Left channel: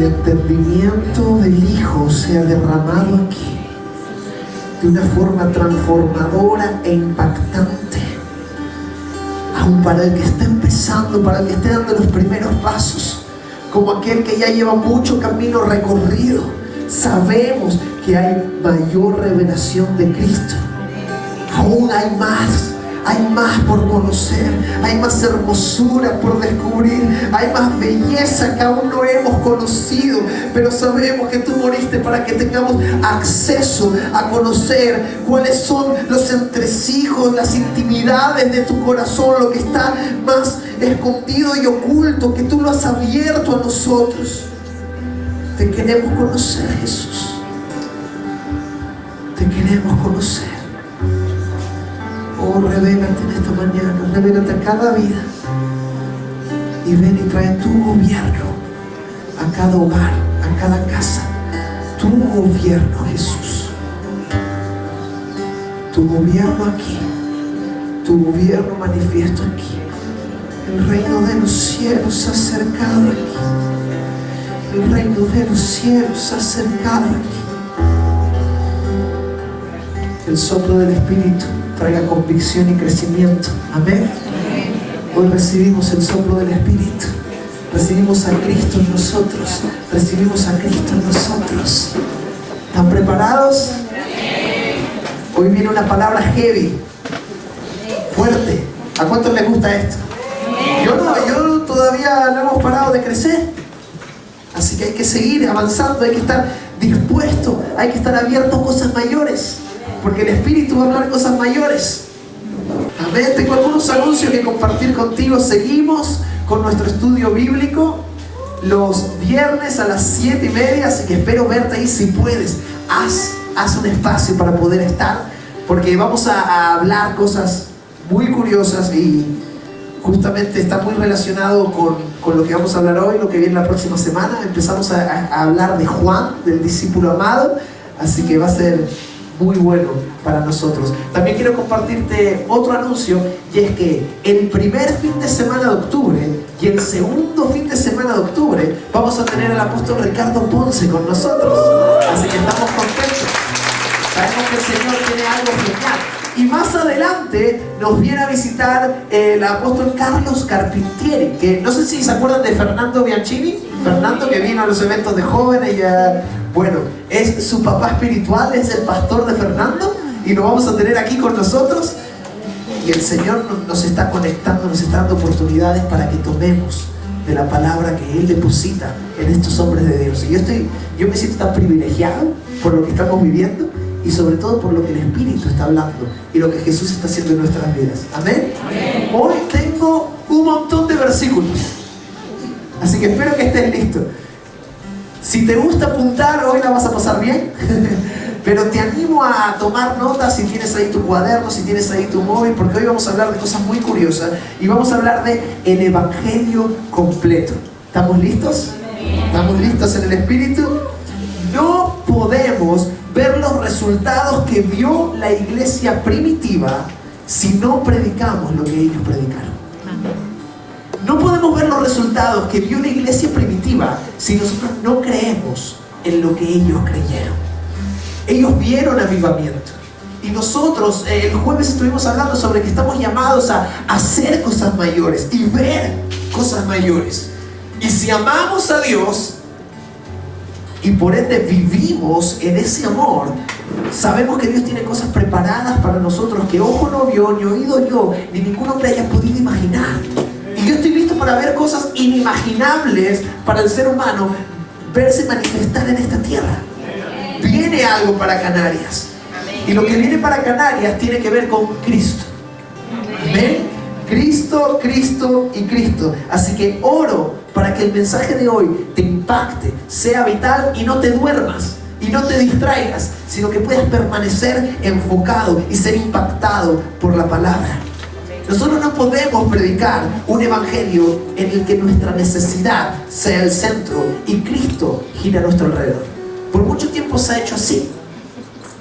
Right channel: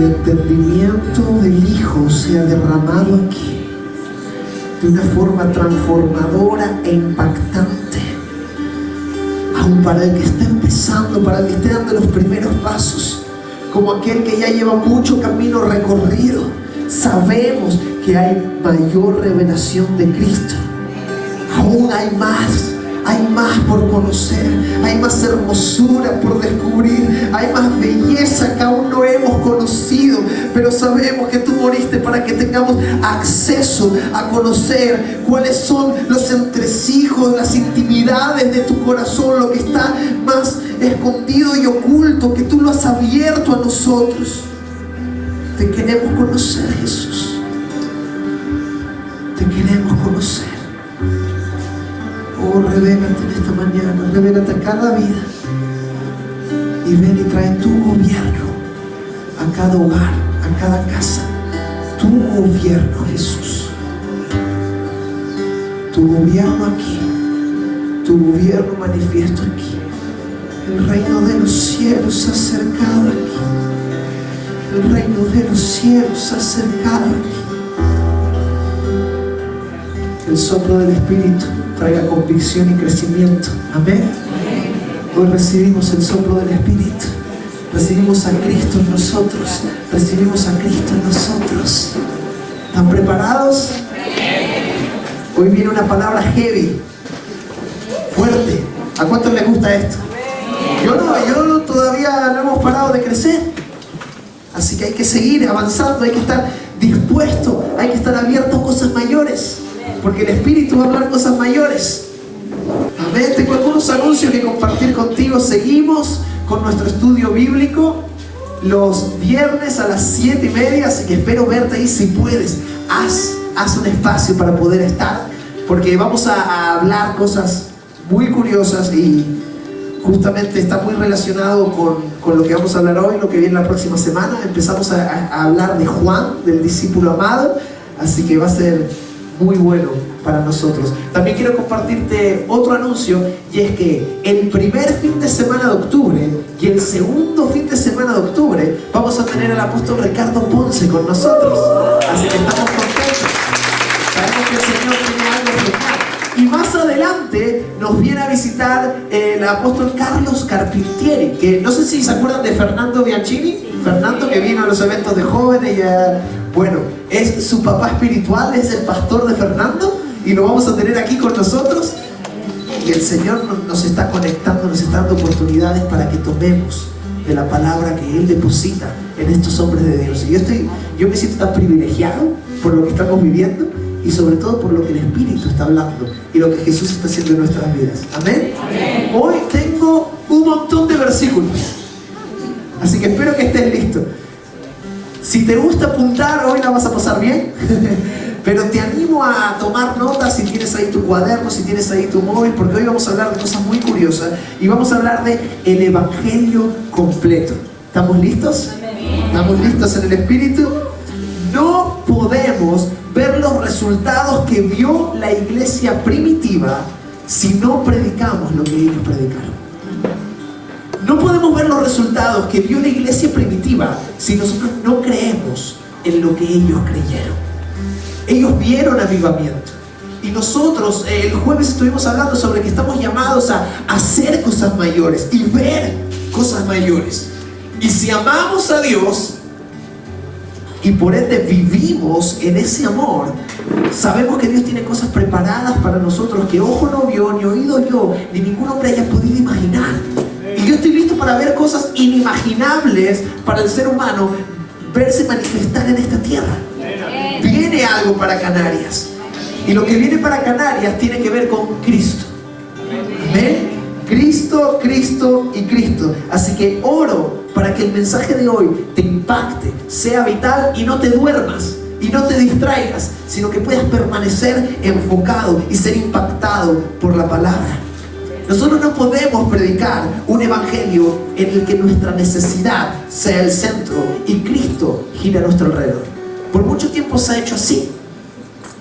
el entendimiento del Hijo sea derramado aquí de una forma transformadora e impactante, aún para el que está empezando, para el que esté dando los primeros pasos, como aquel que ya lleva mucho camino recorrido. Sabemos que hay mayor revelación de Cristo. Aún hay más por conocer, hay más hermosura por descubrir, hay más belleza que aún no hemos conocido, pero sabemos que tú moriste para que tengamos acceso a conocer cuáles son los entresijos, las intimidades de tu corazón, lo que está más escondido y oculto, que tú lo has abierto a nosotros. Te queremos conocer, Jesús. Te queremos conocer. Oh, revélate en esta mañana, revélate a cada vida. Y ven y trae tu gobierno a cada hogar, a cada casa. Tu gobierno, Jesús. Tu gobierno aquí. Tu gobierno manifiesto aquí. El reino de los cielos se ha acercado aquí. El reino de los cielos se ha acercado aquí. El soplo del Espíritu traiga convicción y crecimiento. Amén. Hoy recibimos el soplo del Espíritu. Recibimos a Cristo en nosotros. Recibimos a Cristo en nosotros. ¿Están preparados? Hoy viene una palabra heavy, fuerte. ¿A cuántos les gusta esto? Yo todavía no hemos parado de crecer. Así que hay que seguir avanzando, hay que estar dispuesto, hay que estar abierto a cosas mayores, porque el Espíritu va a hablar cosas mayores. Amén. Tengo algunos anuncios que compartir contigo. Seguimos con nuestro estudio bíblico los viernes a las 7:30, así que espero verte ahí si puedes. Haz un espacio para poder estar, porque vamos a hablar cosas muy curiosas y justamente está muy relacionado con lo que vamos a hablar hoy, lo que viene la próxima semana. Empezamos a hablar de Juan, del discípulo amado, así que va a ser muy bueno para nosotros. También quiero compartirte otro anuncio, y es que el primer fin de semana de octubre y el segundo fin de semana de octubre vamos a tener al apóstol Ricardo Ponce con nosotros, así que estamos contentos. Sabemos que el Señor tiene algo genial. Y más adelante nos viene a visitar el apóstol Carlos Carpintieri, que no sé si se acuerdan de Fernando Bianchini. Fernando, que vino a los eventos de jóvenes, bueno, es su papá espiritual, es el pastor de Fernando, y lo vamos a tener aquí con nosotros. Y el Señor nos está conectando, nos está dando oportunidades para que tomemos de la palabra que Él deposita en estos hombres de Dios. Y yo me siento tan privilegiado por lo que estamos viviendo, y sobre todo por lo que el Espíritu está hablando y lo que Jesús está haciendo en nuestras vidas. Amén. Amén. Hoy tengo un montón de versículos, así que espero que estés listo. Si te gusta apuntar, hoy la vas a pasar bien. Pero te animo a tomar notas si tienes ahí tu cuaderno, si tienes ahí tu móvil, porque hoy vamos a hablar de cosas muy curiosas y vamos a hablar de el Evangelio completo. ¿Estamos listos? ¿Estamos listos en el Espíritu? No podemos ver los resultados que vio la iglesia primitiva si no predicamos lo que ellos predicaron. No podemos ver los resultados que vio la iglesia primitiva si nosotros no creemos en lo que ellos creyeron. Ellos vieron avivamiento. Y nosotros el jueves estuvimos hablando sobre que estamos llamados a hacer cosas mayores y ver cosas mayores. Y si amamos a Dios y por ende vivimos en ese amor, sabemos que Dios tiene cosas preparadas para nosotros que ojo no vio, ni oído yo, ni ningún hombre haya podido imaginar. Y yo estoy listo para ver cosas inimaginables para el ser humano verse manifestar en esta tierra. Viene algo para Canarias, y lo que viene para Canarias tiene que ver con Cristo. Amén. Cristo, Cristo y Cristo. Así que oro para que el mensaje de hoy te impacte, sea vital, y no te duermas y no te distraigas, sino que puedas permanecer enfocado y ser impactado por la palabra. Nosotros no podemos predicar un evangelio en el que nuestra necesidad sea el centro y Cristo gira a nuestro alrededor. Por mucho tiempo se ha hecho así.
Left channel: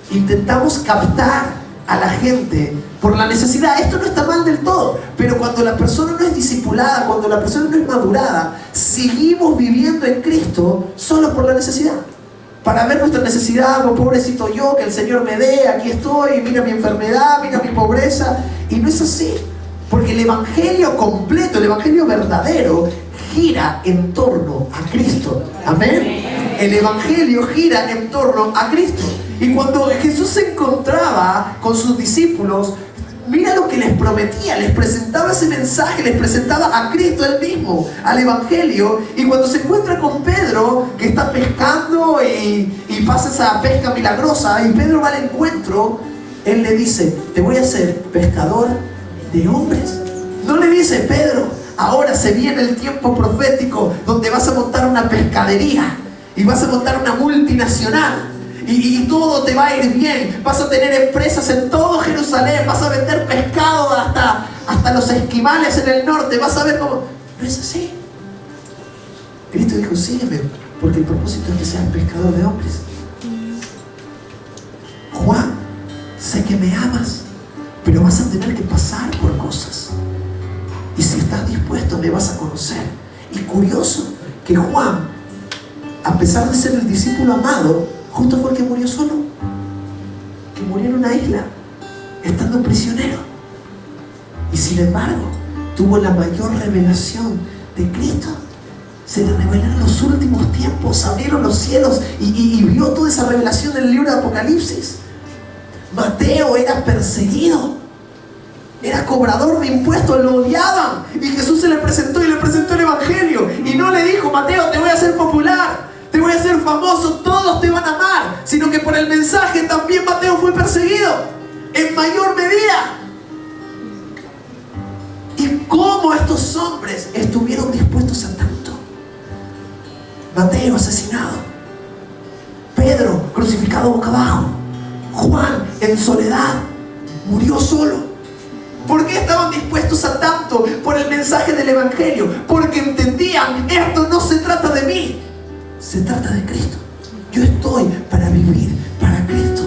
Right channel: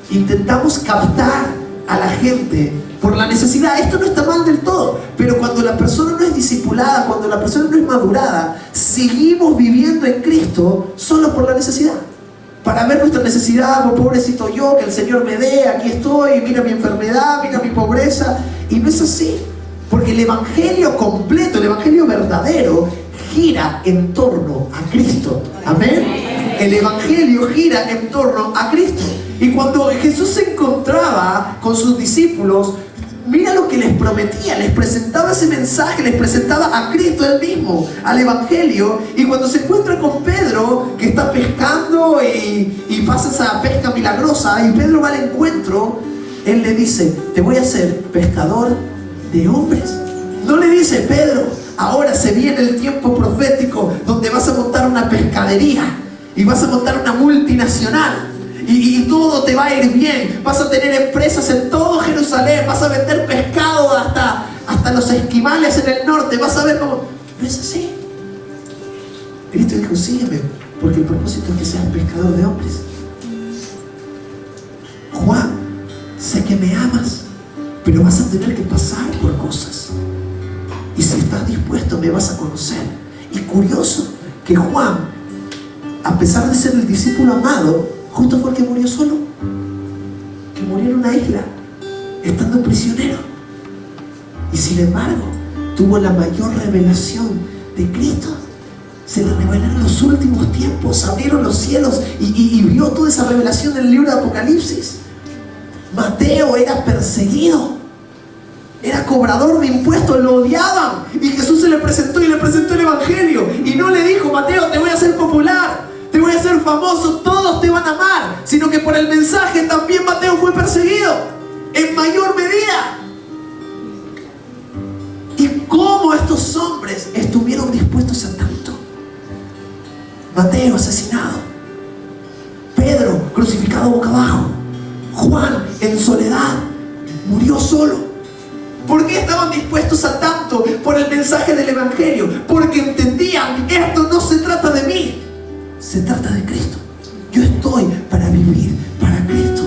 Intentamos captar a la gente por la necesidad. Esto no está mal del todo, pero cuando la persona no es discipulada, cuando la persona no es madurada, seguimos viviendo en Cristo solo por la necesidad. Para ver nuestra necesidad, oh, pobrecito yo, que el Señor me dé, aquí estoy, mira mi enfermedad, mira mi pobreza. Y no es así, porque el evangelio completo, el evangelio verdadero, gira en torno a Cristo. Amén. El evangelio gira en torno a Cristo. Y cuando Jesús se encontraba con sus discípulos, mira lo que les prometía, les presentaba ese mensaje, les presentaba a Cristo él mismo, al evangelio. Y cuando se encuentra con Pedro, que está pescando y pasa esa pesca milagrosa, y Pedro va al encuentro, él le dice: te voy a hacer pescador de hombres. No le dice: Pedro, ahora se viene el tiempo profético donde vas a montar una pescadería y vas a montar una multinacional. Y todo te va a ir bien. Vas a tener empresas en todo Jerusalén. Vas a vender pescado hasta los esquimales en el norte. Vas a ver cómo... No es así. Cristo dijo: sígueme, porque el propósito es que seas pescador de hombres. Juan, sé que me amas, pero vas a tener que pasar por cosas. Y si estás dispuesto, me vas a conocer. Y curioso que Juan, a pesar de ser el discípulo amado, justo fue el que murió solo, que murió en una isla, estando prisionero. Y sin embargo, tuvo la mayor revelación de Cristo. Se le revelaron los últimos tiempos, abrieron los cielos y vio toda esa revelación en el libro de Apocalipsis. Mateo era perseguido, era cobrador de impuestos, lo odiaban. Y Jesús se le presentó y le presentó el evangelio. Y no le dijo: Mateo, te voy a hacer popular, te voy a hacer famoso, todos te van a amar. Sino que por el mensaje también Mateo fue perseguido en mayor medida. ¿Y cómo estos hombres estuvieron dispuestos a tanto? Mateo asesinado, Pedro crucificado boca abajo, Juan en soledad, murió solo. ¿Por qué estaban dispuestos a tanto? Por el mensaje del evangelio. Porque entendían: esto no se trata de mí, se trata de Cristo. Yo estoy para vivir para Cristo.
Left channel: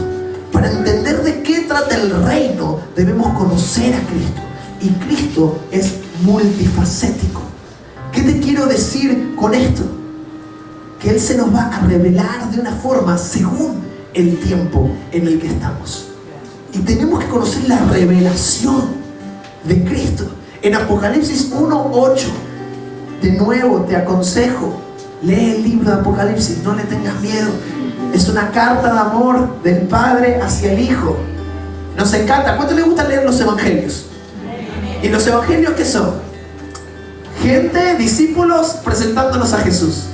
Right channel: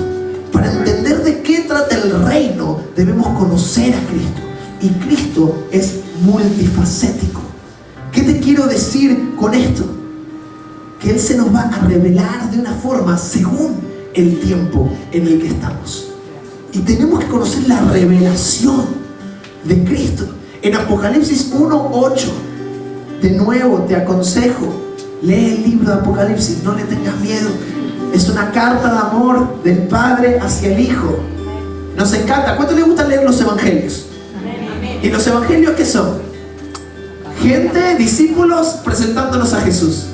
Para entender de qué trata el reino, debemos conocer a Cristo. Y Cristo es multifacético. ¿Qué te quiero decir con esto? Que Él se nos va a revelar de una forma según el tiempo en el que estamos. Y tenemos que conocer la revelación de Cristo. En Apocalipsis 1:8, de nuevo te aconsejo, lee el libro de Apocalipsis, no le tengas miedo. Es una carta de amor del Padre hacia el Hijo. Nos encanta. ¿Cuánto les gusta leer los evangelios? ¿Y los evangelios qué son? Gente, discípulos presentándonos a Jesús.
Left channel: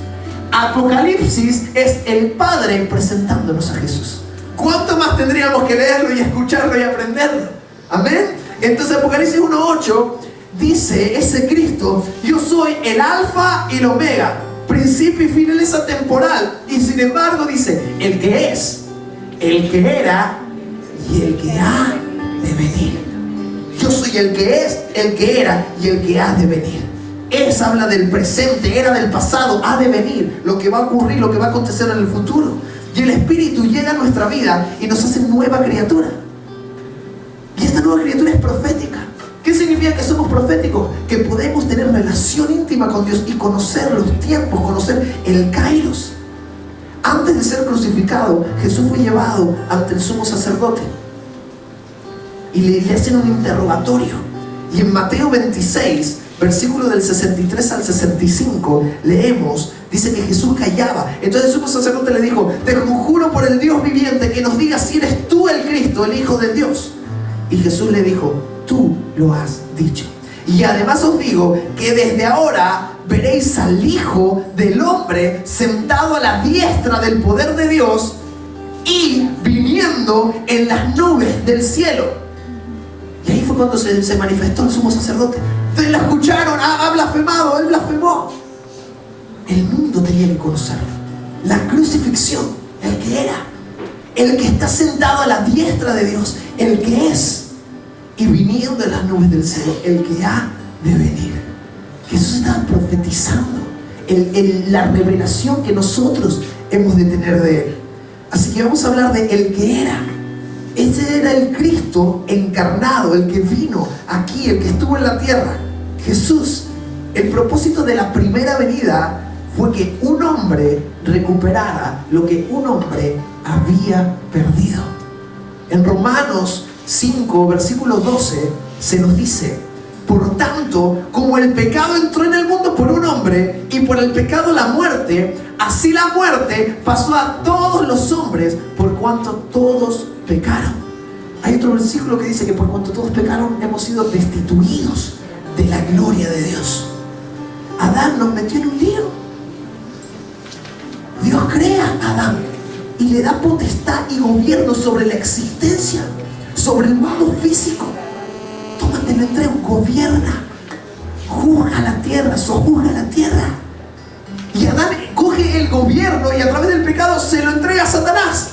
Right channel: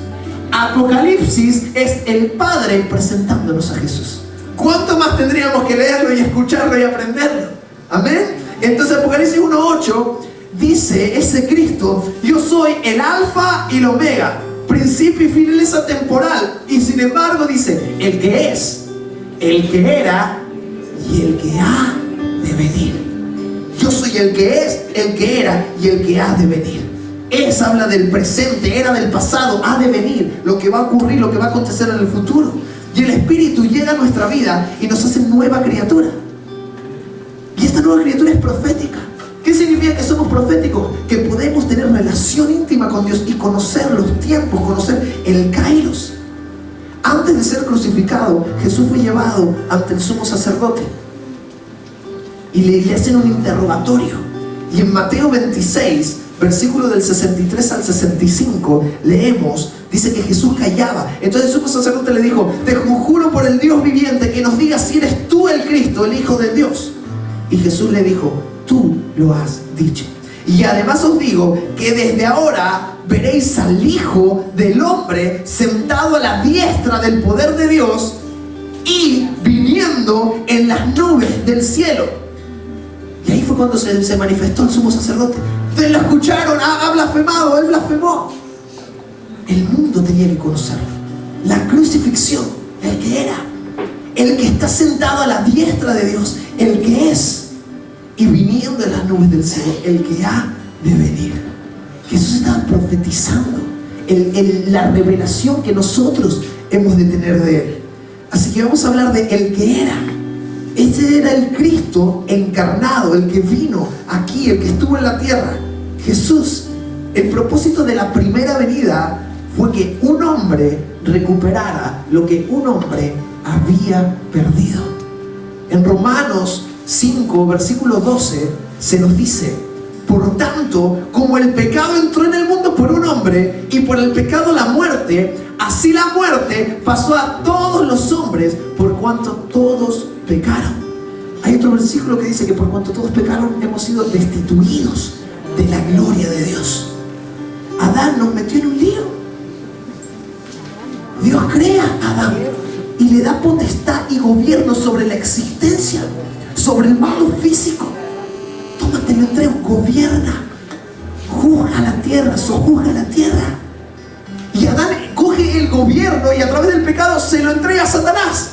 Apocalipsis es el Padre presentándonos a Jesús. ¿Cuánto más tendríamos que leerlo y escucharlo y aprenderlo? Amén. Entonces Apocalipsis 1:8 dice ese Cristo: yo soy el alfa y el omega, principio y finaleza temporal. Y sin embargo dice: el que es, el que era y el que ha de venir. Yo soy el que es, el que era y el que ha de venir. Es habla del presente, era del pasado, ha de venir, lo que va a ocurrir, lo que va a acontecer en el futuro. Y el Espíritu llega a nuestra vida y nos hace nueva criatura. Y esta nueva criatura es profética. ¿Qué significa que somos proféticos? Que podemos tener relación íntima con Dios y conocer los tiempos, conocer el Kairos. Antes de ser crucificado, Jesús fue llevado ante el sumo sacerdote y le hacen un interrogatorio. Y en Mateo 26, versículo del 63 al 65, leemos, dice que Jesús callaba. Entonces el sumo sacerdote le dijo: te conjuro por el Dios viviente que nos digas si eres tú el Cristo, el Hijo de Dios. Y Jesús le dijo: tú lo has dicho. Y además os digo que desde ahora veréis al Hijo del Hombre sentado a la diestra del poder de Dios y viniendo en las nubes del cielo. Y ahí fue cuando se manifestó el sumo sacerdote. Ustedes lo escucharon: ha blasfemado, él blasfemó. El mundo tenía que conocerlo. La crucifixión, el que era, el que está sentado a la diestra de Dios, el que es, y viniendo en las nubes del cielo, el que ha de venir. Jesús estaba profetizando la revelación que nosotros hemos de tener de Él. Así que vamos a hablar de el que era, Ese era el Cristo encarnado, el que vino aquí, el que estuvo en la tierra. Jesús. El propósito de la primera venida fue que un hombre recuperara lo que un hombre había perdido. En Romanos 5, versículo 12, se nos dice: por tanto, como el pecado entró en el mundo por un hombre, y por el pecado la muerte, así la muerte pasó a todos los hombres, por cuanto todos pecaron. Hay otro versículo que dice que por cuanto todos pecaron, hemos sido destituidos de la gloria de Dios. Adán nos metió en un lío. Dios crea a Adán y le da potestad y gobierno sobre la existencia, sobre el mundo físico. Toma, te lo entrego, gobierna, juzga la tierra, sojuzga la tierra. Y Adán coge el gobierno y a través del pecado se lo entrega a Satanás.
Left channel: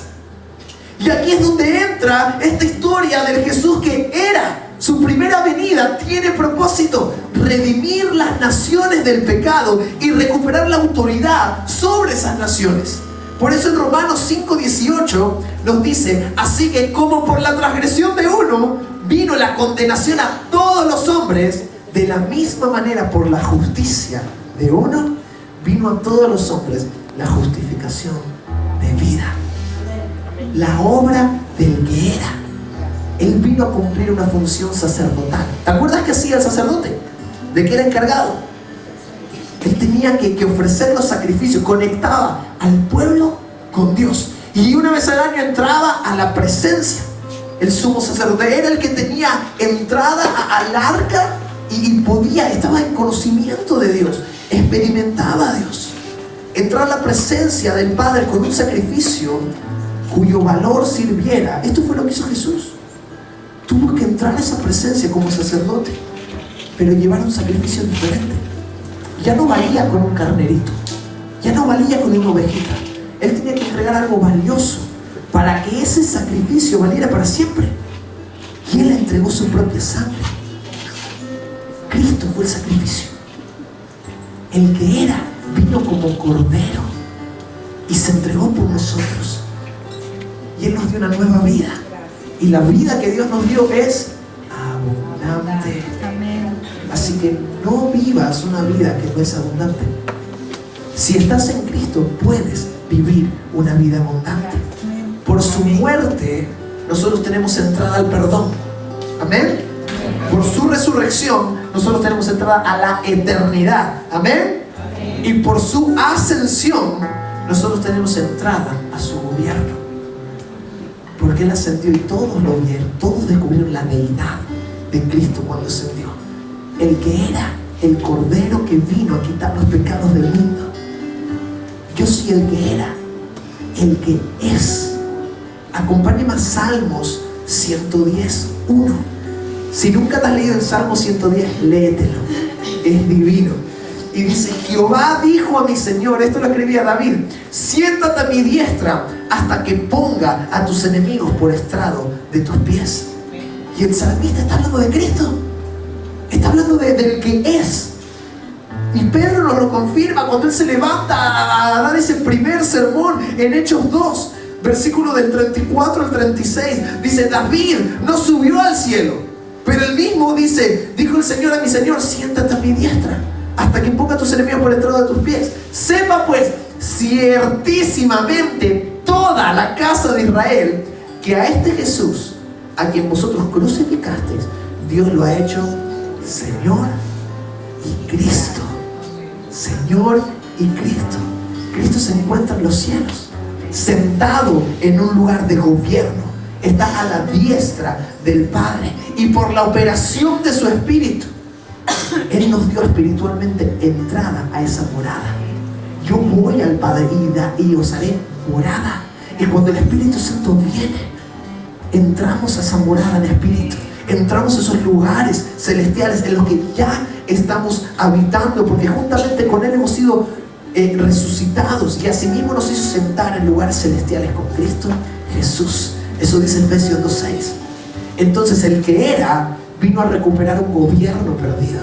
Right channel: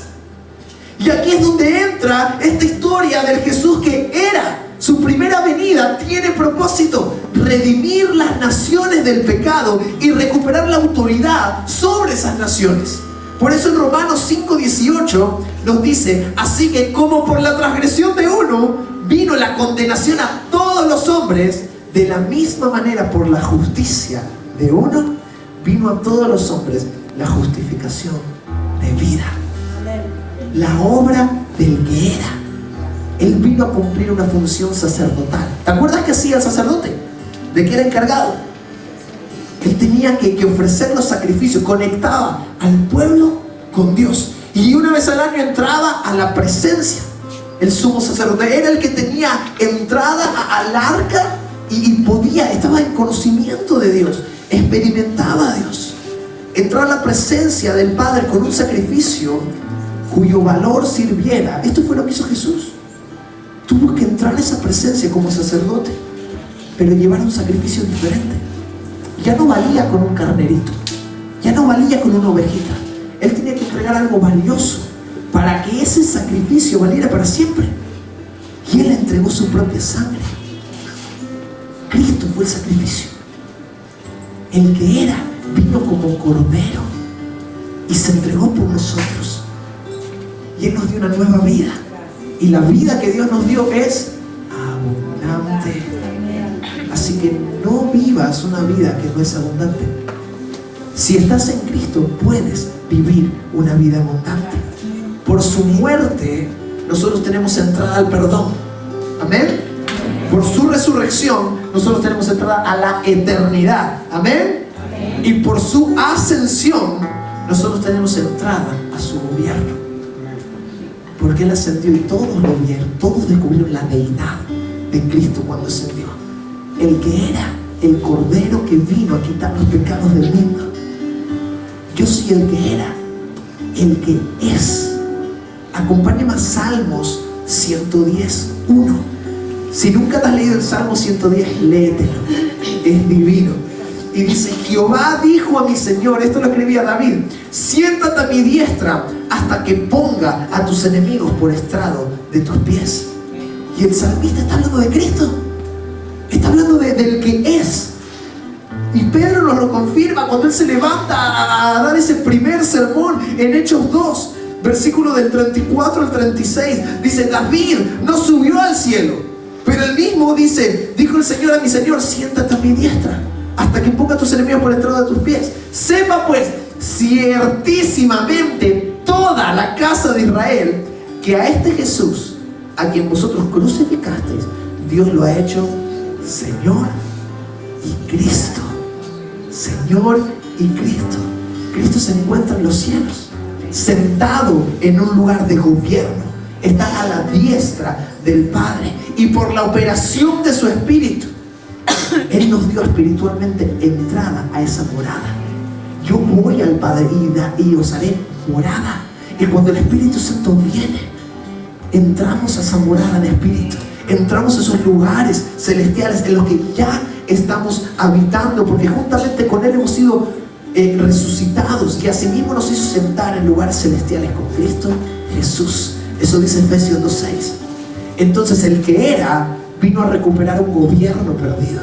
Y aquí es donde entra esta historia del Jesús que era. Su primera venida tiene propósito: redimir las naciones del pecado y recuperar la autoridad sobre esas naciones. Por eso en Romanos 5:18 nos dice: así que como por la transgresión de uno vino la condenación a todos los hombres, de la misma manera por la justicia de uno vino a todos los hombres la justificación de vida. La obra del que era. Él vino a cumplir una función sacerdotal. ¿Te acuerdas qué hacía el sacerdote? ¿De qué era encargado? Él tenía que ofrecer los sacrificios, conectaba al pueblo con Dios. Y una vez al año entraba a la presencia. El sumo sacerdote era el que tenía entrada al arca y estaba en conocimiento de Dios, experimentaba a Dios. Entrar a la presencia del Padre con un sacrificio cuyo valor sirviera. Esto fue lo que hizo Jesús. Tuvo que entrar a esa presencia como sacerdote, pero llevar un sacrificio diferente. Ya no valía con un carnerito, ya no valía con una ovejita. Él tenía que entregar algo valioso para que ese sacrificio valiera para siempre. Y Él entregó su propia sangre. Cristo fue el sacrificio. El que era vino como cordero y se entregó por nosotros. Y Él nos dio una nueva vida. Y la vida que Dios nos dio es abundante. Así que no vivas una vida que no es abundante. Si estás en Cristo, puedes vivir una vida abundante. Por su muerte, nosotros tenemos entrada al perdón. Amén. Por su resurrección, nosotros tenemos entrada a la eternidad. Amén. Y por su ascensión, nosotros tenemos entrada a su gobierno. Porque Él ascendió y todos lo vieron, todos descubrieron la deidad de Cristo cuando ascendió. El que era el Cordero que vino a quitar los pecados del mundo. Yo soy el que era, el que es. Acompáñame a Salmos 110:1. Si nunca te has leído el Salmo 110, léetelo, es divino. Y dice: Jehová dijo a mi Señor, esto lo escribía David: siéntate a mi diestra hasta que ponga a tus enemigos por estrado de tus pies. Y el salmista está hablando de Cristo, está hablando del que es. Y Pedro nos lo confirma cuando él se levanta a dar ese primer sermón en Hechos 2, versículo del 34 al 36. Dice: David no subió al cielo, pero él mismo dice: dijo el Señor a mi Señor, siéntate a mi diestra hasta que ponga a tus enemigos por estrado de tus pies. Sepa pues ciertísimamente toda la casa de Israel que a este Jesús, a quien vosotros crucificasteis, Dios lo ha hecho Señor y Cristo. Señor y Cristo. Cristo se encuentra en los cielos, sentado en un lugar de gobierno. Está a la diestra del Padre, y por la operación de su Espíritu, Él nos dio espiritualmente entrada a esa morada. Yo voy al Padre y os haré morada. Y cuando el Espíritu Santo viene, entramos a esa morada de Espíritu. Entramos a esos lugares celestiales en los que ya estamos habitando, porque juntamente con Él hemos sido resucitados, y asimismo nos hizo sentar en lugares celestiales con Cristo Jesús. Eso dice Efesios 2:6. Entonces el que era vino a recuperar un gobierno perdido,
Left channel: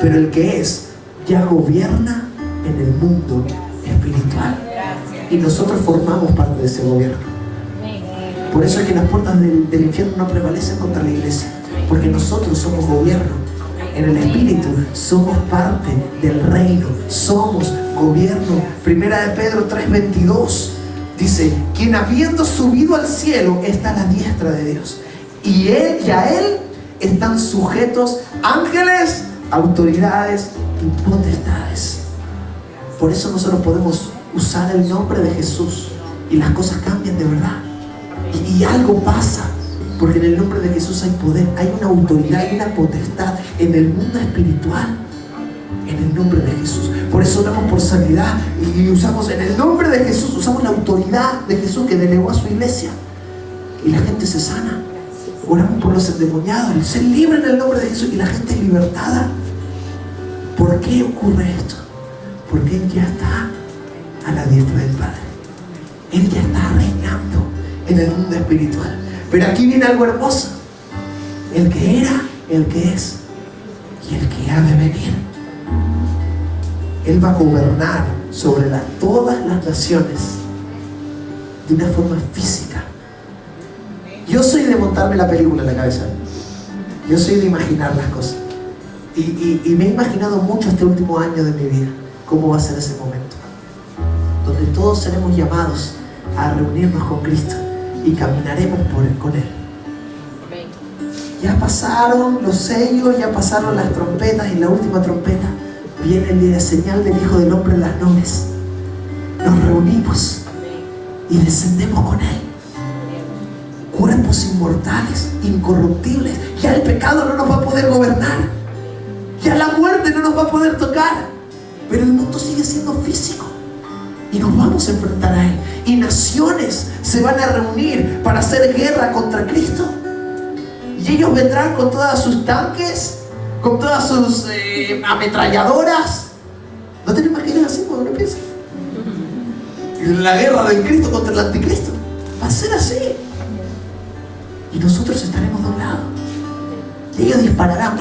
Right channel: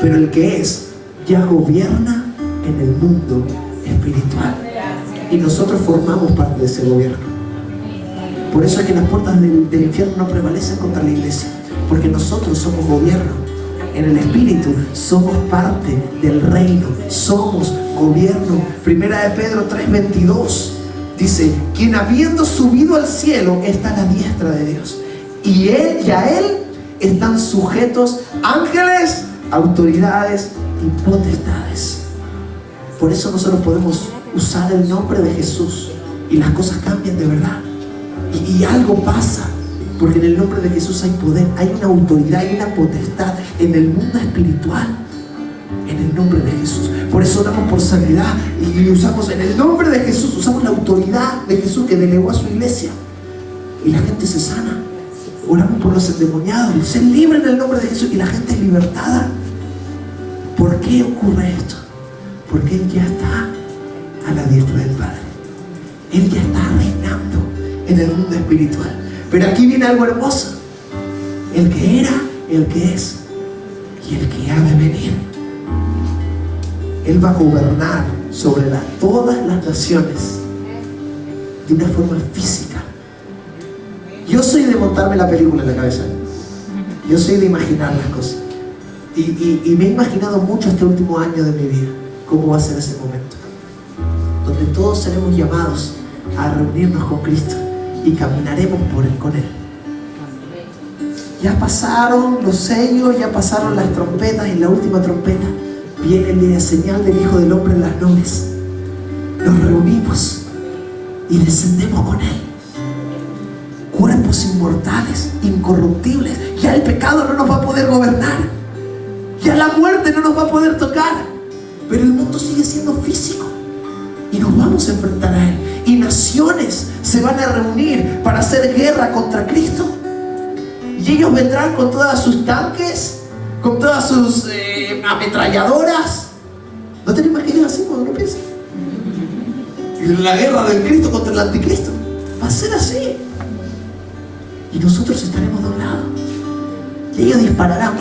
pero el que es ya gobierna en el mundo espiritual, y nosotros formamos parte de ese gobierno. Por eso es que las puertas del infierno no prevalecen contra la iglesia, porque nosotros somos gobierno. En el Espíritu somos parte del reino, somos gobierno. Primera de Pedro 3:22 dice: quien habiendo subido al cielo está a la diestra de Dios, y a él están sujetos ángeles, autoridades y potestades. Por eso nosotros podemos usar el nombre de Jesús y las cosas cambian de verdad, y algo pasa. Porque en el nombre de Jesús hay poder, hay una autoridad, hay una potestad en el mundo espiritual, en el nombre de Jesús. Por eso oramos por sanidad y usamos en el nombre de Jesús, usamos la autoridad de Jesús que delegó a su iglesia, y la gente se sana. Oramos por los endemoniados, se libre en el nombre de Jesús y la gente es libertada. ¿Por qué ocurre esto? Porque Él ya está a la diestra del Padre. Él ya está reinando en el mundo espiritual. Pero aquí viene algo hermoso: el que era, el que es y el que ha de venir. Él va a gobernar sobre todas las naciones de una forma física. Yo soy de montarme la película en la cabeza. Yo soy de imaginar las cosas. Y me he imaginado mucho este último año de mi vida cómo va a ser ese momento, donde todos seremos llamados a reunirnos con Cristo y caminaremos con Él. Ya pasaron los sellos, ya pasaron las trompetas, y la última trompeta viene la señal del Hijo del Hombre en las nubes. Nos reunimos y descendemos con Él. Cuerpos inmortales, incorruptibles. Ya el pecado no nos va a poder gobernar. Ya la muerte no nos va a poder tocar. Pero el mundo sigue siendo físico y nos vamos a enfrentar a Él. Y naciones se van a reunir para hacer guerra contra Cristo. Y ellos vendrán con todas sus tanques, con todas sus ametralladoras. ¿No te lo imaginas así cuando uno piensa? La guerra del Cristo contra el anticristo va a ser así. Y nosotros estaremos de un lado. Y ellos dispararán.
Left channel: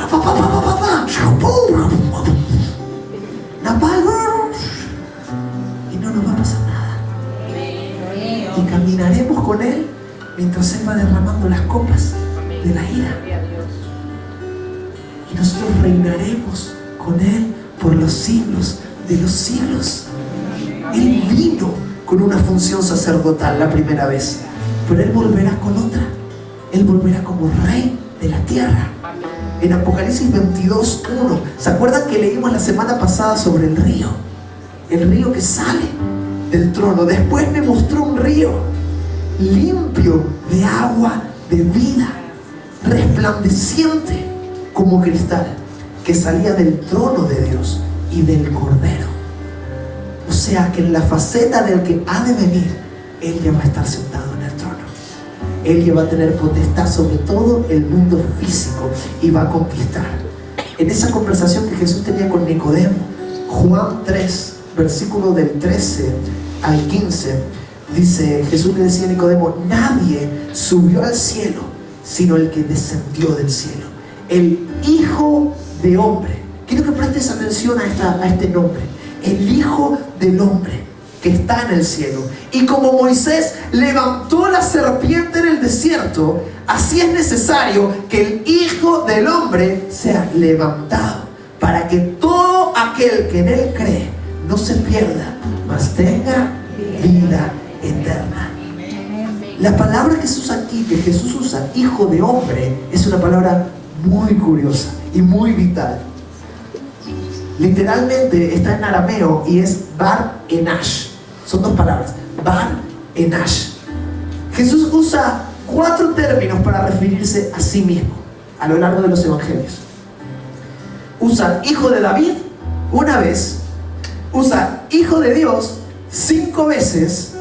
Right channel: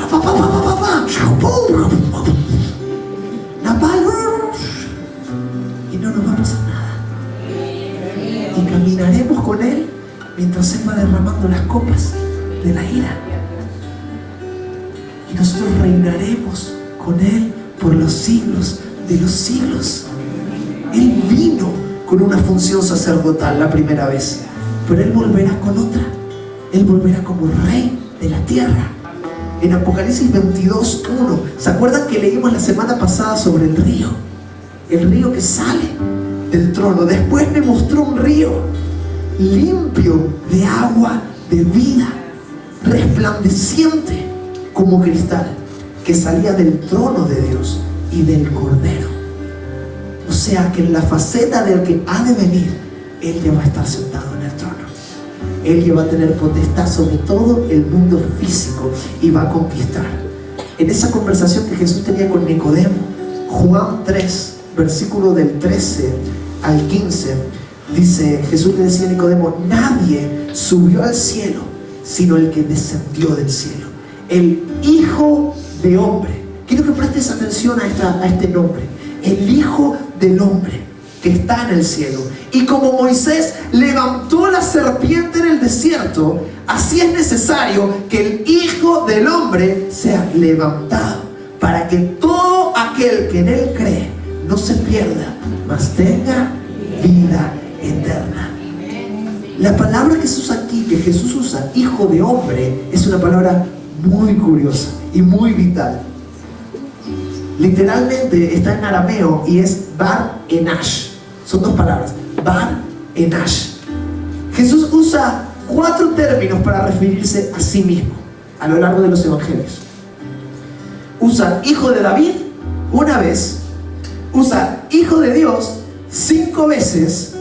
Y no nos va a pasar nada. Y caminaremos con Él mientras Él va derramando las copas de la ira. Y nosotros reinaremos con Él por los siglos de los siglos. Él vino con una función sacerdotal la primera vez, pero Él volverá con otra. Él volverá como Rey de la tierra. En Apocalipsis 22:1, ¿se acuerdan que leímos la semana pasada sobre el río? El río que sale del trono. Después me mostró un río limpio de agua de vida, resplandeciente como cristal, que salía del trono de Dios y del Cordero. O sea que en la faceta del que ha de venir, Él ya va a estar sentado en el trono. Él ya va a tener potestad sobre todo el mundo físico y va a conquistar. En esa conversación que Jesús tenía con Nicodemo, Juan 3, versículo del 13 al 15, dice, Jesús le decía a Nicodemo: nadie subió al cielo sino el que descendió del cielo, el Hijo de Hombre. Quiero que prestes atención a este nombre, el Hijo del Hombre, que está en el cielo. Y como Moisés levantó la serpiente en el desierto, así es necesario que el Hijo del Hombre sea levantado, para que todo aquel que en Él cree no se pierda, mas tenga vida eterna. La palabra que se usa aquí, que Jesús usa, Hijo de Hombre, es una palabra muy curiosa y muy vital. Literalmente está en arameo y es Bar Enash. Son dos palabras, Bar Enash. Jesús usa 4 términos para referirse a sí mismo a lo largo de los evangelios. Usa Hijo de David una vez, usa Hijo de Dios 5 veces,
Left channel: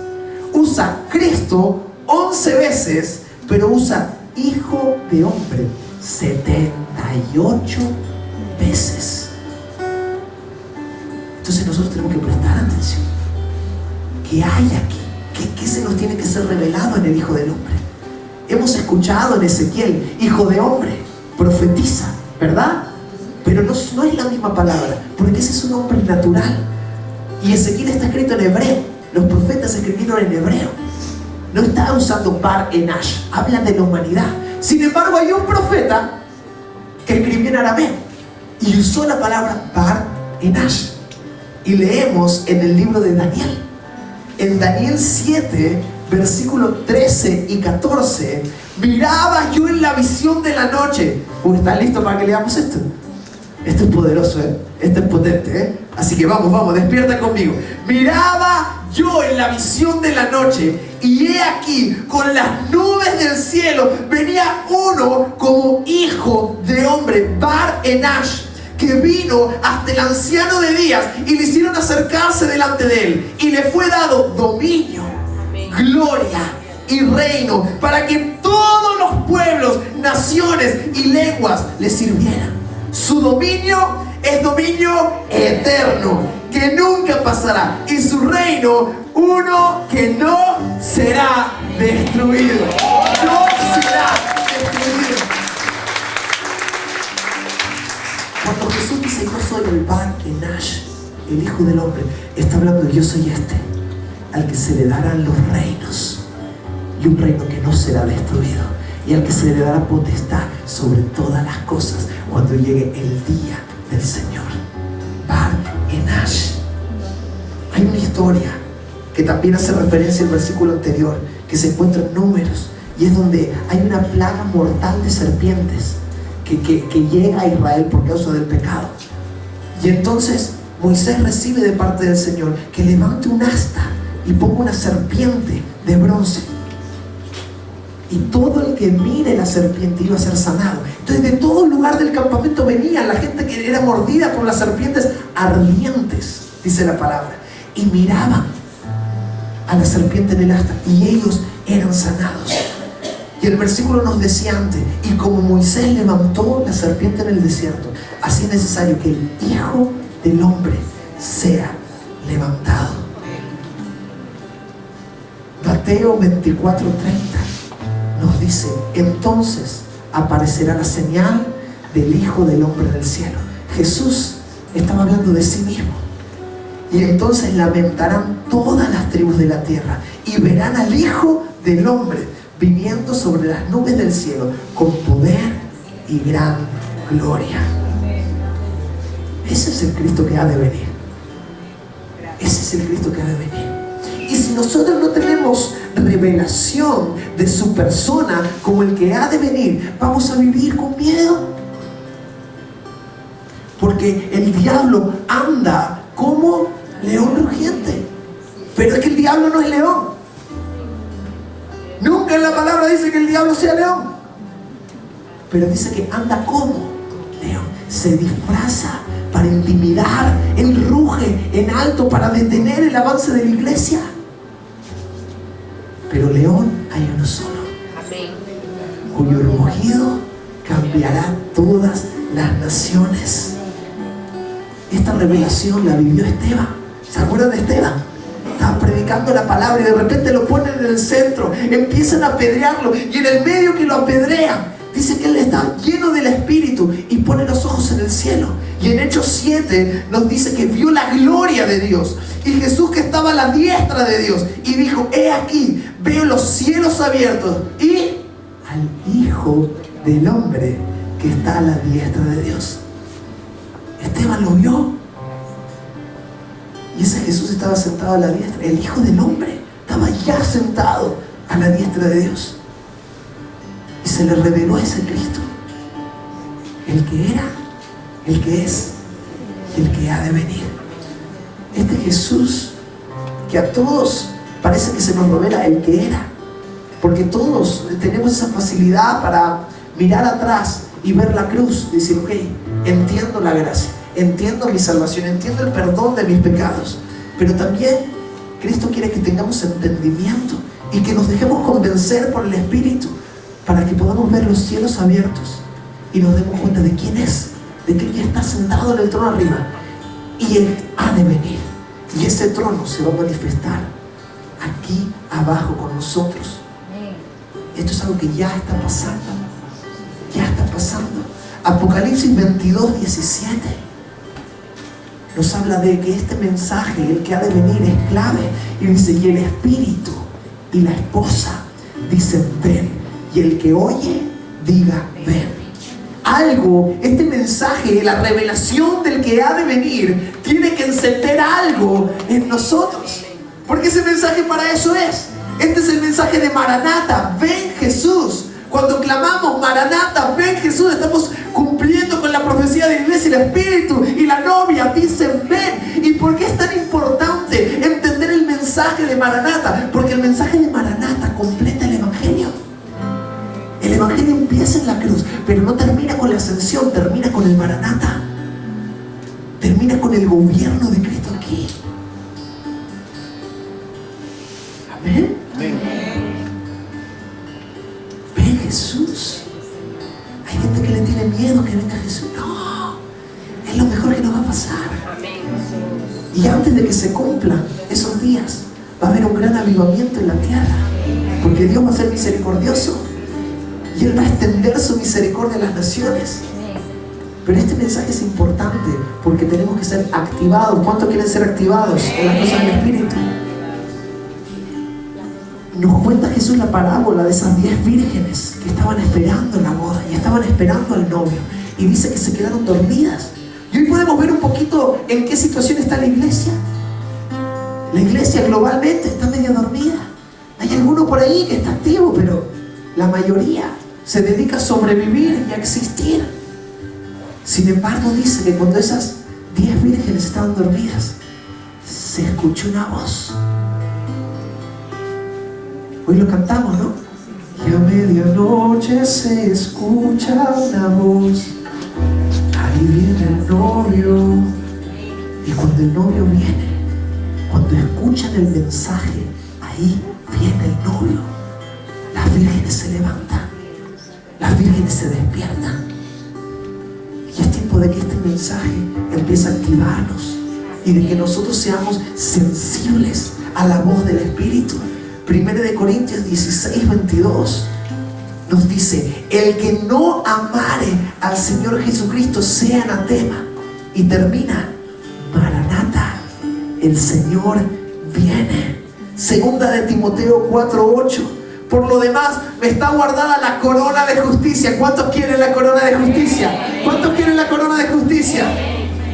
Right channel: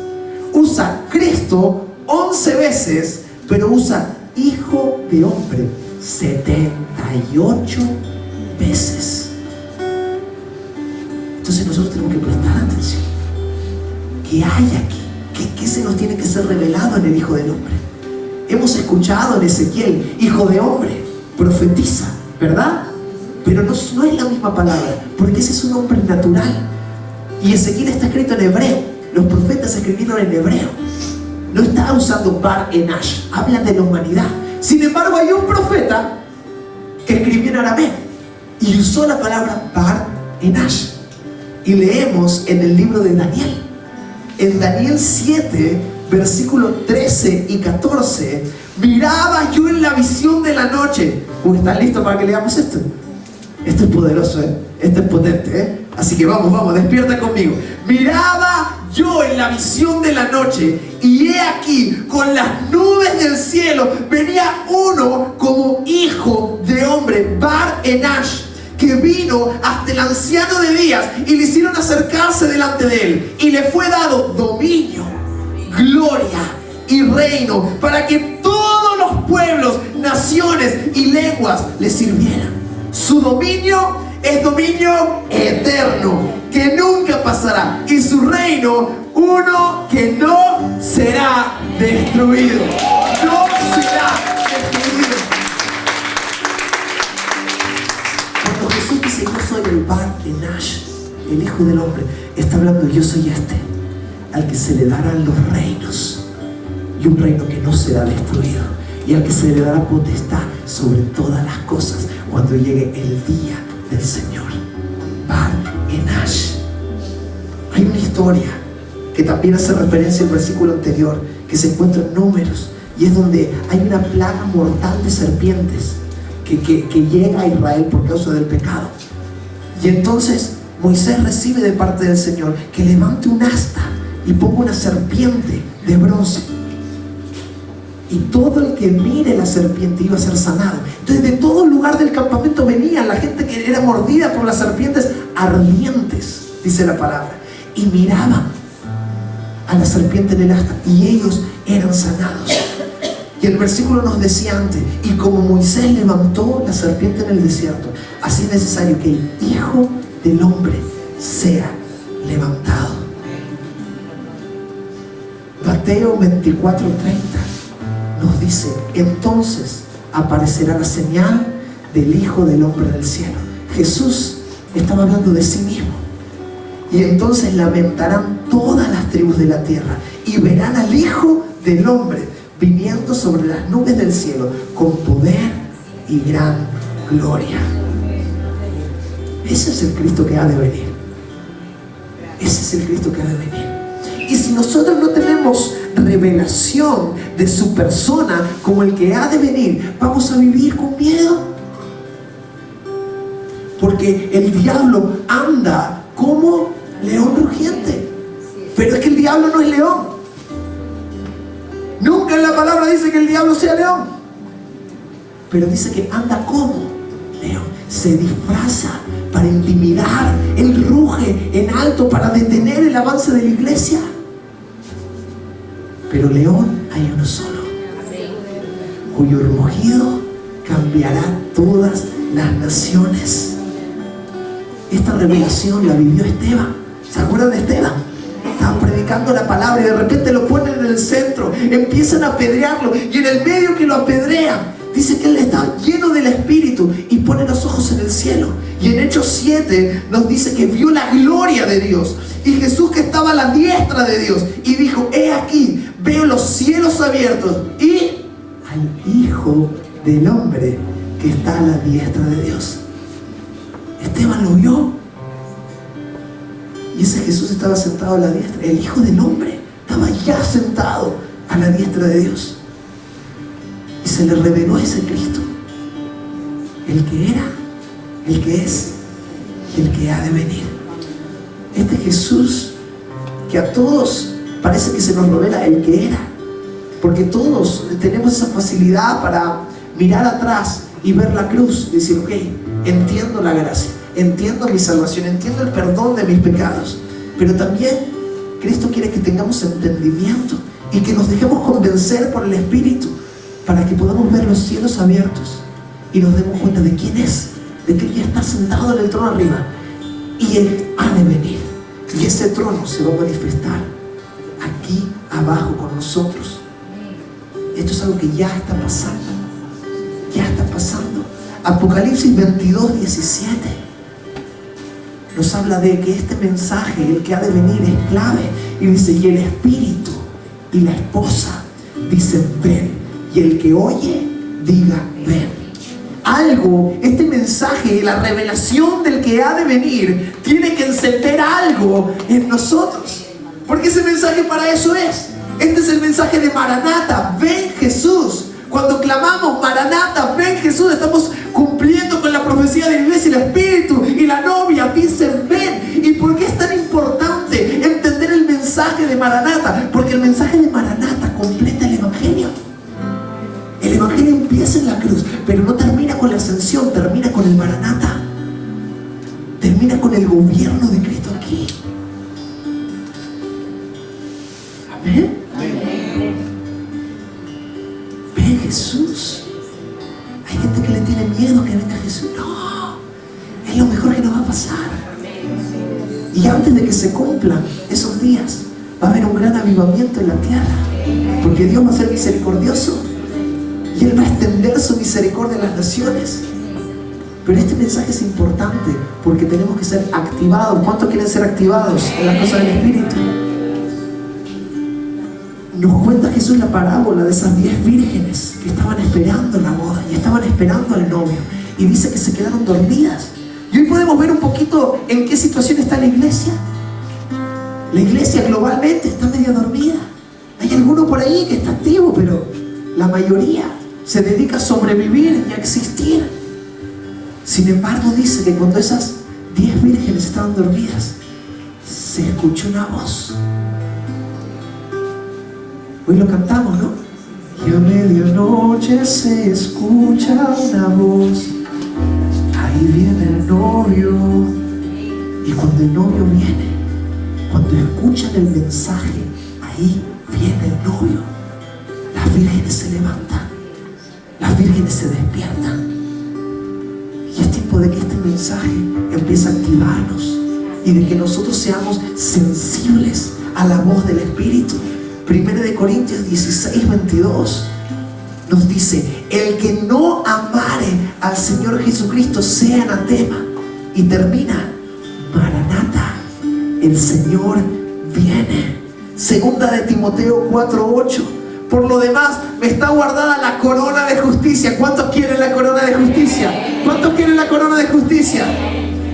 usa Cristo 11 veces, pero usa Hijo de Hombre 78 veces. Entonces nosotros tenemos que prestar atención. ¿Qué hay aquí? ¿Qué se nos tiene que ser revelado en el Hijo del Hombre? Hemos escuchado en Ezequiel, Hijo de Hombre, profetiza, ¿verdad? Pero no es la misma palabra, porque ese es un hombre natural. Y Ezequiel está escrito en hebreo. Los profetas escribieron en hebreo. no está usando Bar Enash, habla de la humanidad. Sin embargo, hay un profeta que escribió en arameo y usó la palabra Bar Enash. Y leemos en el libro de Daniel, en Daniel 7, versículos 13 y 14, miraba yo en la visión de la noche. ¿Están listos para que leamos esto? Esto es poderoso, esto es potente, Así que vamos, despierta conmigo. Miraba yo en la visión de la noche, y he aquí, con las nubes del cielo, venía uno como hijo de hombre, Bar Enash, que vino hasta el anciano de días, y le hicieron acercarse delante de él, y le fue dado dominio, gloria y reino, para que todos los pueblos, naciones y lenguas le sirvieran. Su dominio es dominio eterno, que nunca pasará, y su reino, uno que no será destruido. No será destruido. Cuando Jesús dice: yo soy el Bar Enash, el Hijo del Hombre, está hablando de: yo soy este, al que se le darán los reinos, y un reino que no será destruido, y al que se le dará potestad sobre todas las cosas cuando llegue el día del Señor. Bar Enash. Hay una historia que también hace referencia al versículo anterior, que se encuentra en Números, y es donde hay una plaga mortal de serpientes que llega a Israel por causa del pecado. Y entonces Moisés recibe de parte del Señor que levante un asta y ponga una serpiente de bronce, y todo el que mire la serpiente iba a ser sanado. Entonces, de todo lugar del campamento venía la gente que era mordida por las serpientes ardientes, dice la palabra, y miraban a la serpiente en el asta, y ellos eran sanados. Y el versículo nos decía antes: y como Moisés levantó la serpiente en el desierto, así es necesario que el Hijo del Hombre sea levantado. Mateo 24:30 nos dice: entonces aparecerá la señal del Hijo del Hombre del cielo. Jesús estaba hablando de sí mismo. Y entonces lamentarán todas las tribus de la tierra, y verán al Hijo del Hombre viniendo sobre las nubes del cielo con poder y gran gloria. Ese es el Cristo que ha de venir. Ese es el Cristo que ha de venir. Y si nosotros no tenemos revelación de su persona como el que ha de venir, vamos a vivir con miedo. Porque el diablo anda como león rugiente. Pero es que el diablo no es león. Nunca en la palabra dice que el diablo sea león, pero dice que anda como león. Se disfraza para intimidar. Él ruge en alto para detener el avance de la iglesia. Pero león hay uno solo, cuyo rugido cambiará todas las naciones. Esta revelación la vivió Esteban. ¿Se acuerdan de Esteban? Estaban predicando la palabra y de repente lo ponen en el centro, empiezan a apedrearlo, y en el medio que lo apedrean, dice que él está lleno del Espíritu y pone los ojos en el cielo. Y en Hechos 7 nos dice que vio la gloria de Dios y Jesús que estaba a la diestra de Dios, y dijo: he aquí, veo los cielos abiertos y al Hijo del Hombre que está a la diestra de Dios. Esteban lo vio. Y ese Jesús estaba sentado a la diestra. El Hijo del Hombre estaba ya sentado a la diestra de Dios. Y se le reveló a ese Cristo, el que era, el que es y el que ha de venir. Este Jesús que a todos parece que se nos revela el que era, porque todos tenemos esa facilidad para mirar atrás y ver la cruz y decir: ok, entiendo la gracia, entiendo mi salvación, entiendo el perdón de mis pecados. Pero también Cristo quiere que tengamos entendimiento y que nos dejemos convencer por el Espíritu, para que podamos ver los cielos abiertos y nos demos cuenta de quién es, de que Él ya está sentado en el trono arriba y Él ha de venir, y ese trono se va a manifestar aquí abajo con nosotros. Esto es algo que ya está pasando, ya está pasando. Apocalipsis 22:17 nos habla de que este mensaje, el que ha de venir, es clave, y dice: y el Espíritu y la esposa dicen ven, y el que oye diga ven. Algo, este mensaje, la revelación del que ha de venir, tiene que encender algo en nosotros, porque ese mensaje para eso es. Este es el mensaje de Maranata, ven Jesús. Cuando clamamos Maranata, ven Jesús, estamos cumpliendo con la profecía de la iglesia. El Espíritu y la novia dicen ven. ¿Y por qué es tan importante entender el mensaje de Maranata? Porque el mensaje de Maranata completa el Evangelio. El Evangelio empieza en la cruz, pero no termina con la ascensión, termina con el Maranata. Termina con el gobierno de Cristo aquí. Amén. Ven Jesús. Hay gente que le tiene miedo que venga Jesús. No, es lo mejor que nos va a pasar. Y antes de que se cumplan esos días, va a haber un gran avivamiento en la tierra, porque Dios va a ser misericordioso y Él va a extender su misericordia a las naciones. Pero este mensaje es importante porque tenemos que ser activados. ¿Cuántos quieren ser activados en las cosas del Espíritu? Nos cuenta Jesús la parábola de esas 10 vírgenes que estaban esperando la boda y estaban esperando al novio, y dice que se quedaron dormidas. Y hoy podemos ver un poquito en qué situación está la iglesia. La iglesia globalmente está medio dormida. Hay alguno por ahí que está activo, pero la mayoría se dedica a sobrevivir y a existir. Sin embargo, dice que cuando esas 10 vírgenes estaban dormidas, se escuchó una voz. Hoy lo cantamos, ¿no? Y a medianoche se escucha una voz. Ahí viene el novio. Y cuando el novio viene, cuando escuchan el mensaje, ahí viene el novio. Las vírgenes se levantan, las vírgenes se despiertan. Y es tiempo de que este mensaje empiece a activarnos y de que nosotros seamos sensibles a la voz del Espíritu. 1 Corintios 16:22 nos dice: el que no amare al Señor Jesucristo sea anatema. Y termina: Maranata, el Señor viene. Segunda de Timoteo 4:8: por lo demás me está guardada la corona de justicia. ¿Cuántos quieren la corona de justicia? ¿Cuántos quieren la corona de justicia?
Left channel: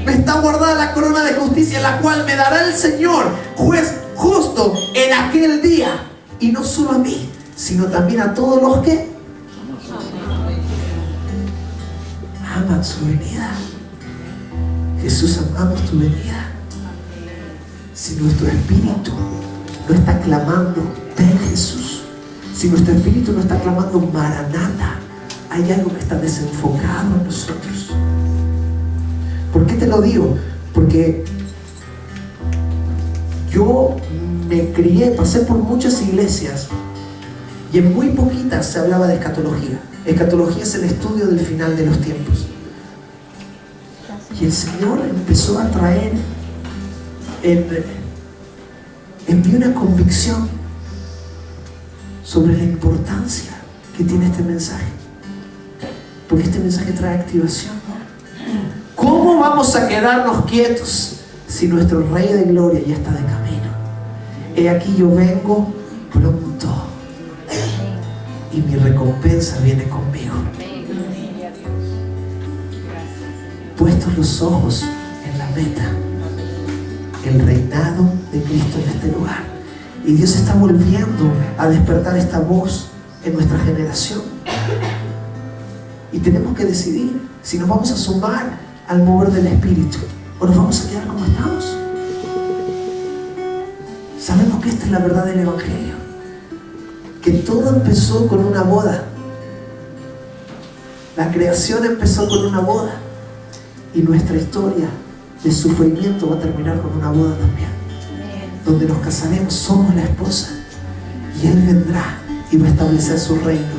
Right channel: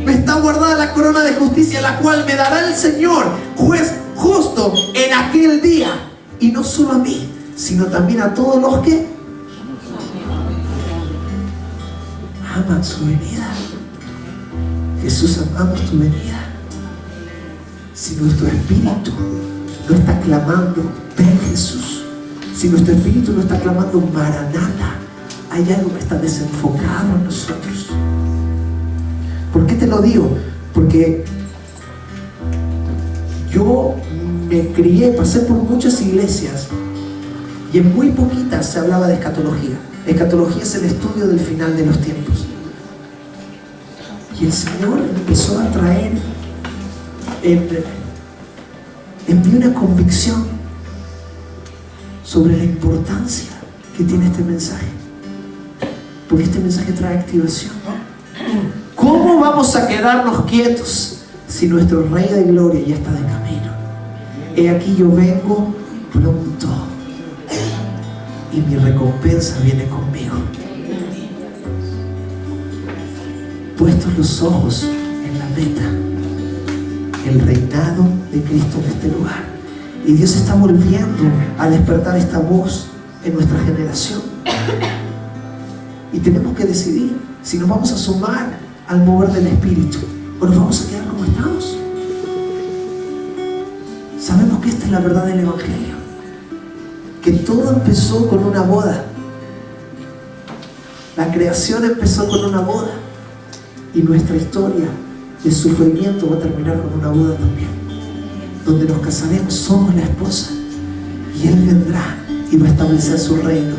Me está guardada la corona de justicia, la cual me dará el Señor, juez justo, en aquel día. Y no solo a mí, sino también a todos los que aman su venida. Jesús, amamos tu venida. Si nuestro espíritu no está clamando ven Jesús, si nuestro espíritu no está clamando Maranata, hay algo que está desenfocado en nosotros. ¿Por qué te lo digo? Porque yo me crié, pasé por muchas iglesias y en muy poquitas se hablaba de escatología. Escatología es el estudio del final de los tiempos. Y el Señor empezó a traer en mí una convicción sobre la importancia que tiene este mensaje, porque este mensaje trae activación. ¿Cómo vamos a quedarnos quietos si nuestro Rey de Gloria ya está de camino? He aquí yo vengo pronto y mi recompensa viene conmigo. Puestos los ojos en la meta, el reinado de Cristo en este lugar. Y Dios está volviendo a despertar esta voz en nuestra generación. Y tenemos que decidir si nos vamos a sumar al mover del Espíritu o nos vamos a quedar como estamos. Sabemos que esta es la verdad del Evangelio, que todo empezó con una boda. La creación empezó con una boda y nuestra historia de sufrimiento va a terminar con una boda también, donde nos casaremos, somos la esposa y Él vendrá y va a establecer su reino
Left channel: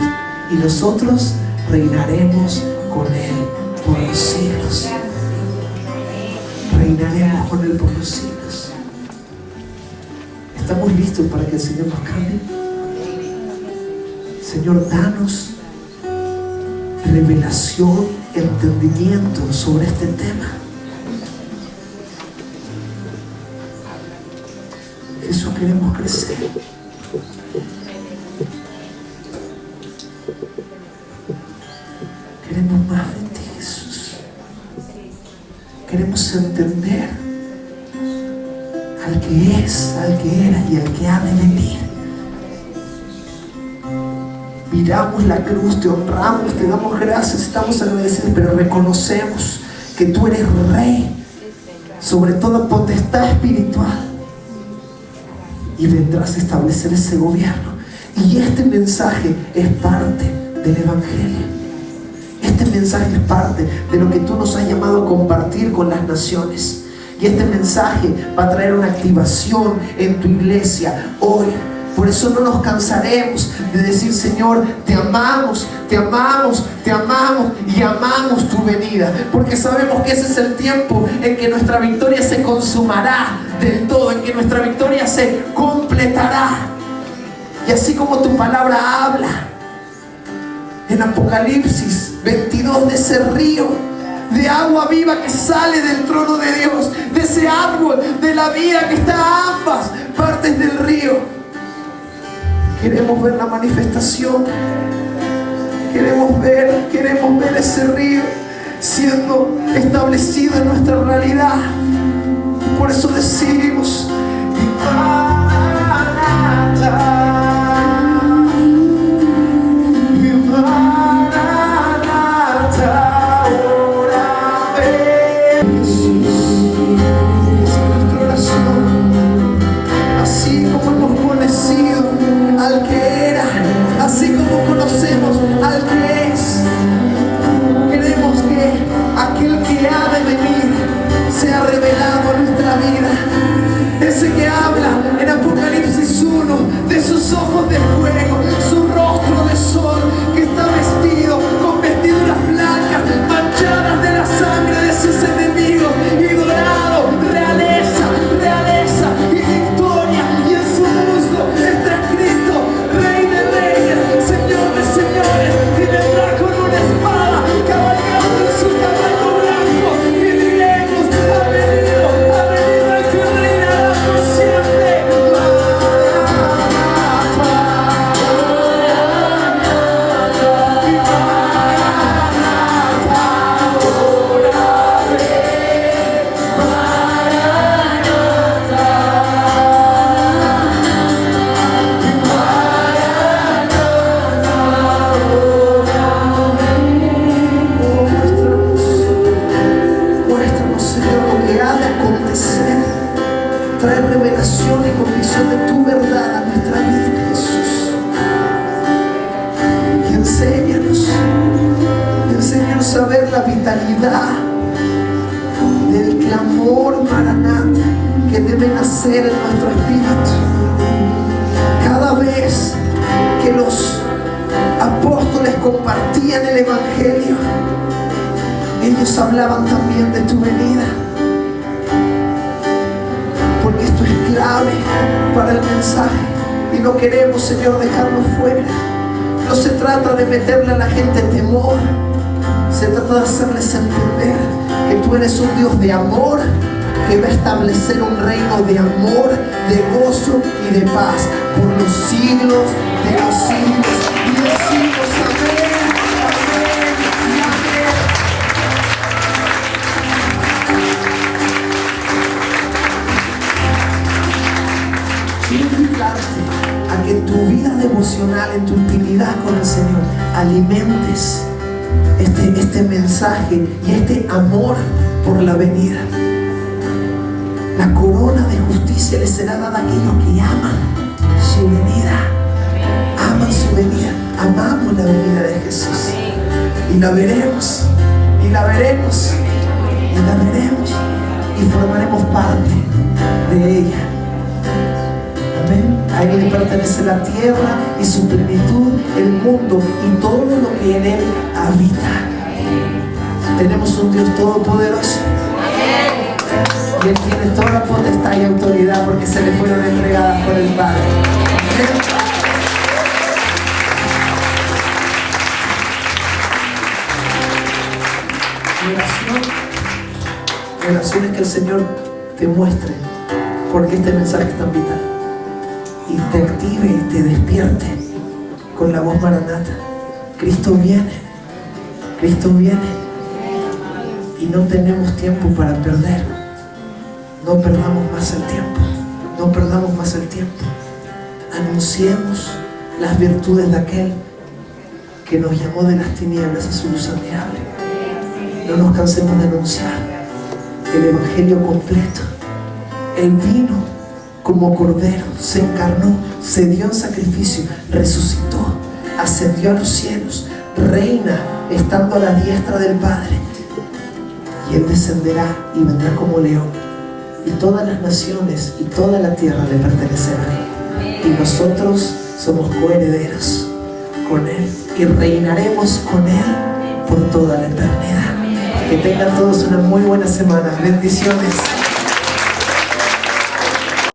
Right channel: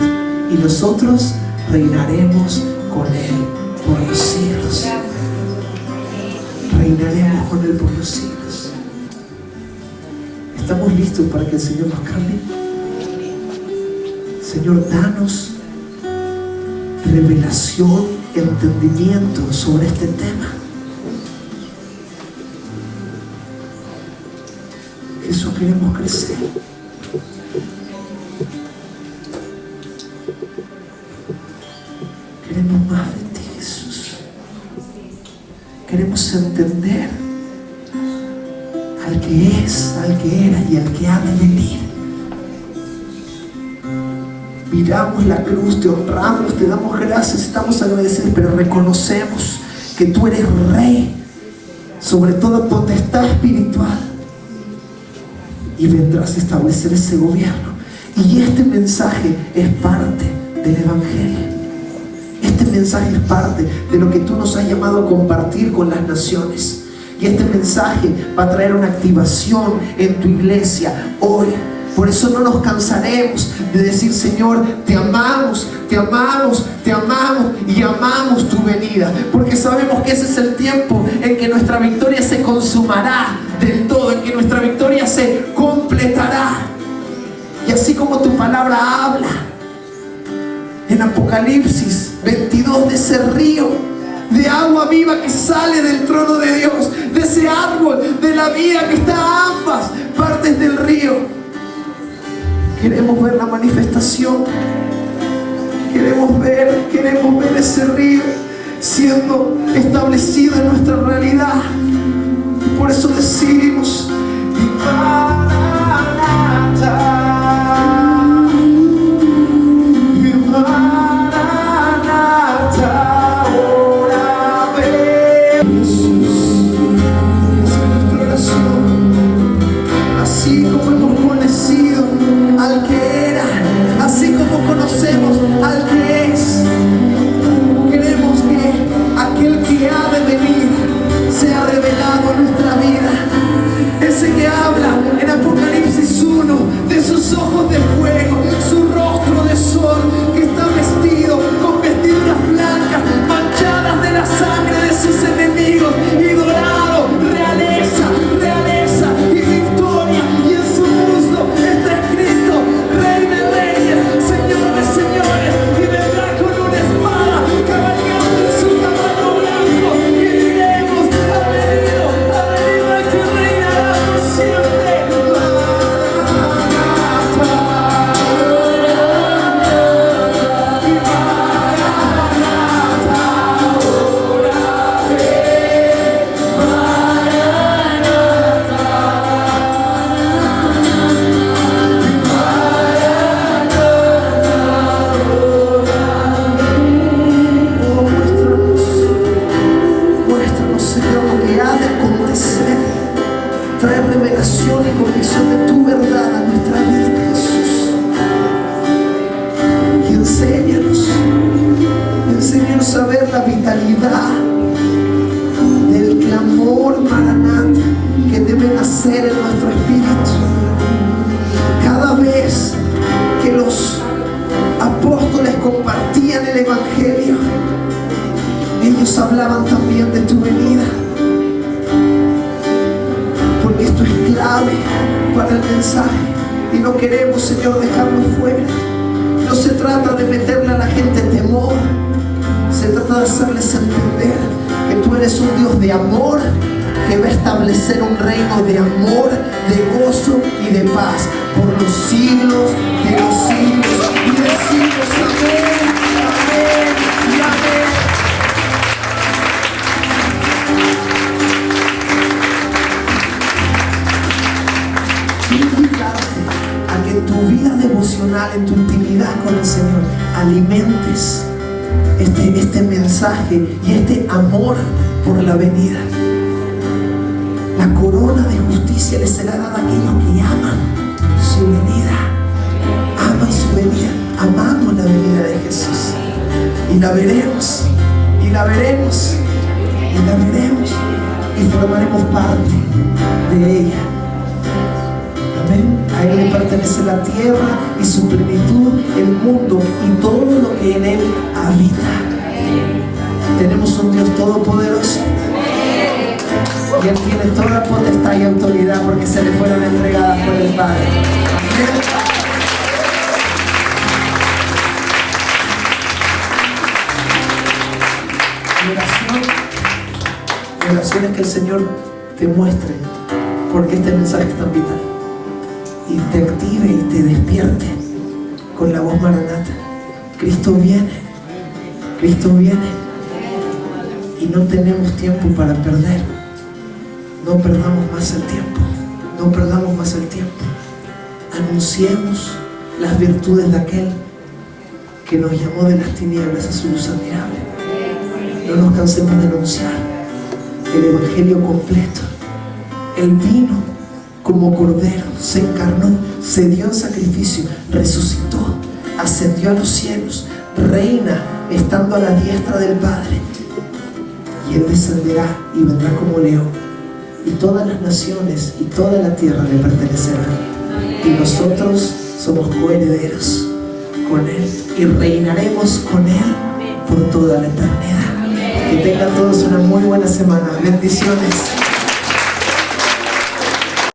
y nosotros reinaremos con Él por los siglos. Reinaremos con Él por los siglos. ¿Estamos listos para que el Señor nos cambie? Señor, danos revelación, entendimiento sobre este tema. Jesús, queremos crecer. podemos entender al que es, al que era y al que ha de venir. Miramos la cruz, te honramos, te damos gracias, estamos agradecidos, pero reconocemos que tú eres Rey sobre toda potestad espiritual y vendrás a establecer ese gobierno. Y este mensaje es parte del Evangelio. Este mensaje es parte de lo que tú nos has llamado a compartir con las naciones. Y este mensaje va a traer una activación en tu iglesia hoy. Por eso no nos cansaremos de decir: Señor, te amamos, te amamos, te amamos y amamos tu venida. Porque sabemos que ese es el tiempo en que nuestra victoria se consumará del todo, en que nuestra victoria se completará. Y así como tu palabra habla en Apocalipsis 22 de ese río de agua viva que sale del trono de Dios, de ese árbol de la vida que está a ambas partes del río. Queremos ver la manifestación, queremos ver ese río siendo establecido en nuestra realidad. Por eso decimos: al que era, así como conocemos al que es. Queremos que aquel que ha de venir sea revelado en nuestra vida. Ese que habla en Apocalipsis 1 de sus ojos de fuego, su rostro de sol, que está vestido con vestiduras blancas manchadas de la sangre de sus enemigos, y dorado, realeza, realeza y victoria, y en su muslo está escrito: Rey de reyes, Señor de señores, y vendrá con una espada, cabalgando en su caballo blanco, y diremos: ha venido el que reinará por siempre. Muéstranos, Señor, lo que ha de acontecer. Trae revelación y convicción de tu verdad a nuestra vida, Jesús. Y enséñanos a ver la vitalidad del clamor maranata que debe nacer en nuestro espíritu. Cada vez que los apóstoles compartían el Evangelio, ellos hablaban también de tu venida, porque esto es clave para el mensaje y no queremos, Señor, dejarlo fuera. No se trata de meterle a la gente temor, se trata de hacerles entender que tú eres un Dios de amor, que va a establecer un reino de amor, de gozo y de paz por los siglos de los siglos y de los siglos. Amén, amén y amén. Quiero invitarte a que en tu vida devocional, en tu intimidad con el Señor, alimentes este mensaje y este amor por la venida. La corona de justicia les será dada a aquellos que aman su venida. Aman su venida. Amamos la venida de Jesús. Y la veremos. Y la veremos. Y la veremos. Y formaremos parte de ella. Amén. A Él le pertenece la tierra y su plenitud, el mundo y todo lo que en Él habita. Tenemos un Dios todopoderoso. Y Él tiene toda potestad y autoridad porque se le fueron entregadas por el Padre. Amén. Mi oración es que el Señor te muestre porque este mensaje es tan vital y te active y te despierte con la voz maranata. Cristo viene. Cristo viene. y no tenemos tiempo para perder. No perdamos más el tiempo. No perdamos más el tiempo. Anunciemos las virtudes de aquel que nos llamó de las tinieblas a su luz admirable. No nos cansemos de anunciar el evangelio completo. Él vino como cordero, se encarnó, se dio en sacrificio, resucitó, ascendió a los cielos, reina estando a la diestra del Padre, y Él descenderá y vendrá como león, y todas las naciones y toda la tierra le pertenecerán, y nosotros somos coherederos con Él y reinaremos con Él por toda la eternidad. Que tengan todos una muy buena semana. Bendiciones.